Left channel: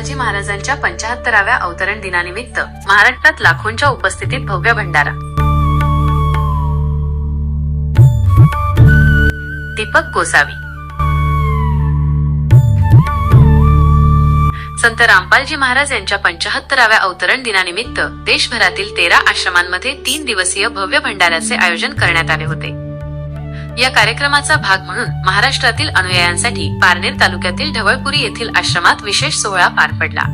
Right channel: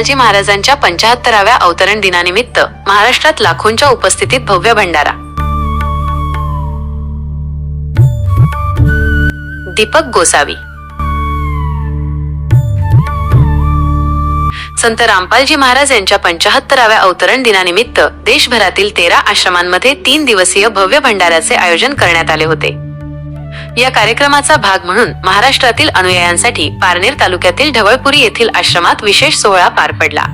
रामपालजी महाराजांच्या पंचाहत्तराव्या अवतरण दिनानिमित्त महाराष्ट्रात लाखोंच्या उपस्थितीत भव्य भंडारा. दीपक गोसावी. संत रामपालजी महाराज यांच्या पंचाहत्तराव्या अवतरण दिनानिमित्त देशभरातील तेरा आश्रमांमध्ये तीन दिवसीय भव्य भंडाऱ्याचे आयोजन करण्यात आले होते. या कार्यक्रमाचा भाग म्हणून महाराष्ट्रातील अनुयायांसाठी पारनेर तालुक्यातील ढवळपुरी येथील आश्रमात विशेष सोहळा पार पडला.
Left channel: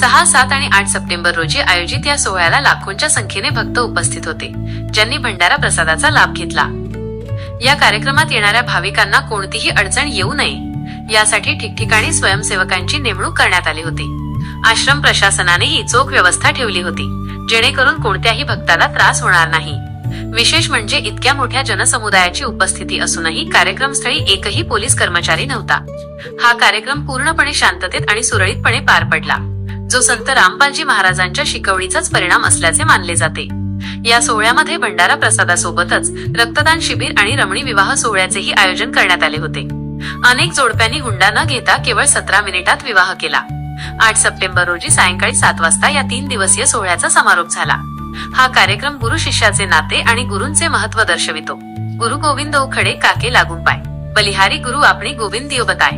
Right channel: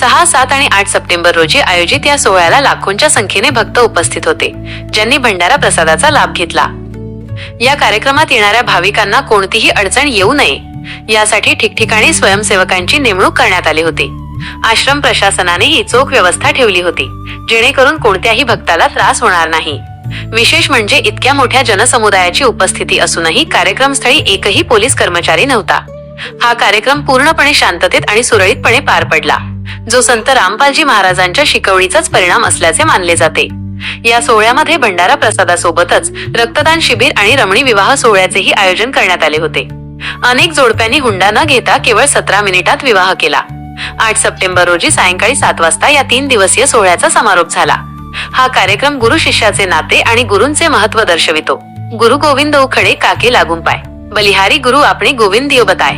सहा सात आणि आठ सप्टेंबर रोजी आयोजित या सोहळ्याला लाखोंच्या संख्येने भक्त उपस्थित होते ज्यांनी भंडारा प्रसादाचा लाभ घेतला. या कार्यक्रमात येणाऱ्या भाविकांना कोणतीही अडचण येऊ नये यासाठी ठिकठिकाणी स्वयंसेवकांची नेमणूक करण्यात आली होती. आश्रम प्रशासनानेही चोख व्यवस्था ठेवली होती जेणेकरून कोणत्याही भक्ताला त्रास होणार नाही. विशेष म्हणजे इतक्या मोठ्या जनसमुदायाची उपस्थिती असूनही कार्यक्रमस्थळी एकही पोलीस कर्मचारी नव्हता. हा कार्यक्रम पूर्णपणे शांततेत आणि सुरळीतपणे पार पडला. जो संत रामपालजी महाराजांच्या शिकवणीचाच परिणाम असल्याचे मानले जाते. या सोहळ्यामध्ये भंडारा प्रसादासोबतच रक्तदान शिबिर आणि रमणी विवाह सोहळ्याचेही आयोजन करण्यात आले होते. अनेक जोडप्यांनी हुंडा न घेता केवळ सतरा मिनिटात विवाह केला. आठ सप्टेंबर रोजी सायंकाळी सात वाजता या तीन दिवसीय सोहळ्याचा समारोप झाला. हा कार्यक्रम गुरु शिष्याचे नाते आणि गुरुंचे महत्त्व दर्शवितो. गुरु गोविंद उखडे काके लागून पाय. बलिहारी गुरु आपणे गोविंद बताय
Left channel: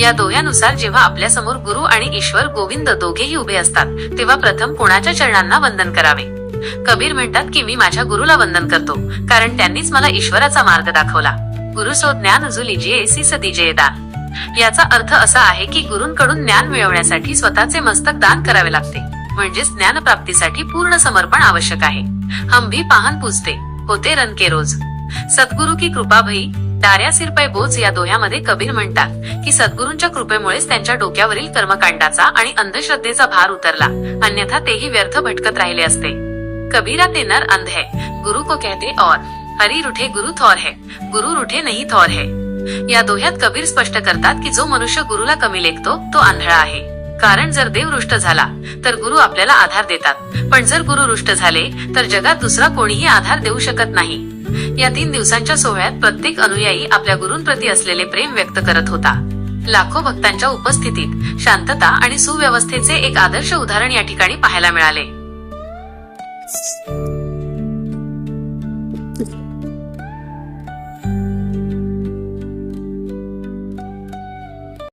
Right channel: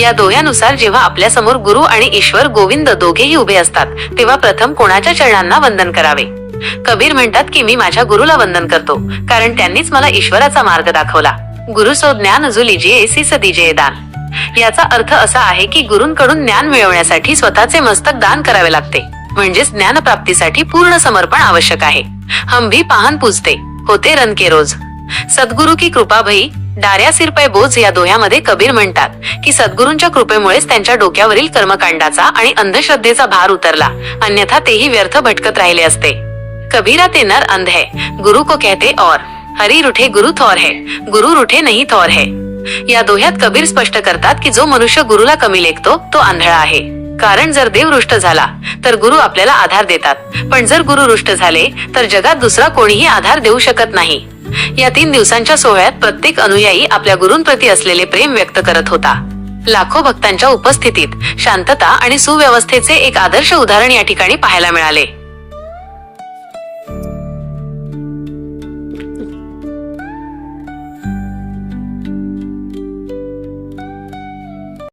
या दोयानुसार जेव्हा आपल्यासमोर गुरु आणि ईश्वर गोविंद दोघेही उभे असतात तेव्हा प्रथम कोणाच्या चरणांना वंदन करावे? कबीर म्हणतात की मी माझ्या गुरुला वंदन करतो कारण त्यांनीच मला ईश्वराचा मार्ग दाखवला. गुरु सो ज्ञान जो दान. याचा अर्थ असा आहे की गुरुंकडून ज्ञान मिळवण्यासाठी स्वतःचे मस्तक दान करावे लागते. म्हणजेच ज्ञान प्राप्तीसाठी पूर्ण समर्पण आवश्यक आहे. हम भी पाहन पूजते. होते रन के रोज. सद्गुरु की कृपा भई डाऱ्या सिरपय बोज या दोह्यामध्ये कबीर म्हणतात की सद्गुरूंच्या कृपेमुळेच त्यांच्या डोक्यावरील कर्मकांडाचा आणि अंधश्रद्धेचा भार उतरला. अन्यथा तेही व्यर्थ भटकत राहिले असते. कबीरा ते नर अंध है. गुरु को कहते और. हरी रुठे गुरु थोर है. गुरु रुठे नहीं थोर है. या दोह्यात कबीर स्पष्ट करतात की जो मनुष्य गुरुला कमी लेखतो तो आंधळा आहे. कारण जर देव रुष्ट झाला तर गुरु आपल्याला आधार देतात. पण जर गुरु रुष्ट झाले तर जगात दुसरा कोणीही आधार देऊ शकत नाही. या तीन दिवसांच्या सोहळ्यात प्रत्येक अनुयायी आपल्या गुरूंप्रती असलेले प्रेम व्यक्त करत होता. लाखो भक्तांच्या उपस्थितीत शांतता आणि सुव्यवस्थेचे एक आदर्श उदाहरण या ठिकाणी पाहायला मिळाले.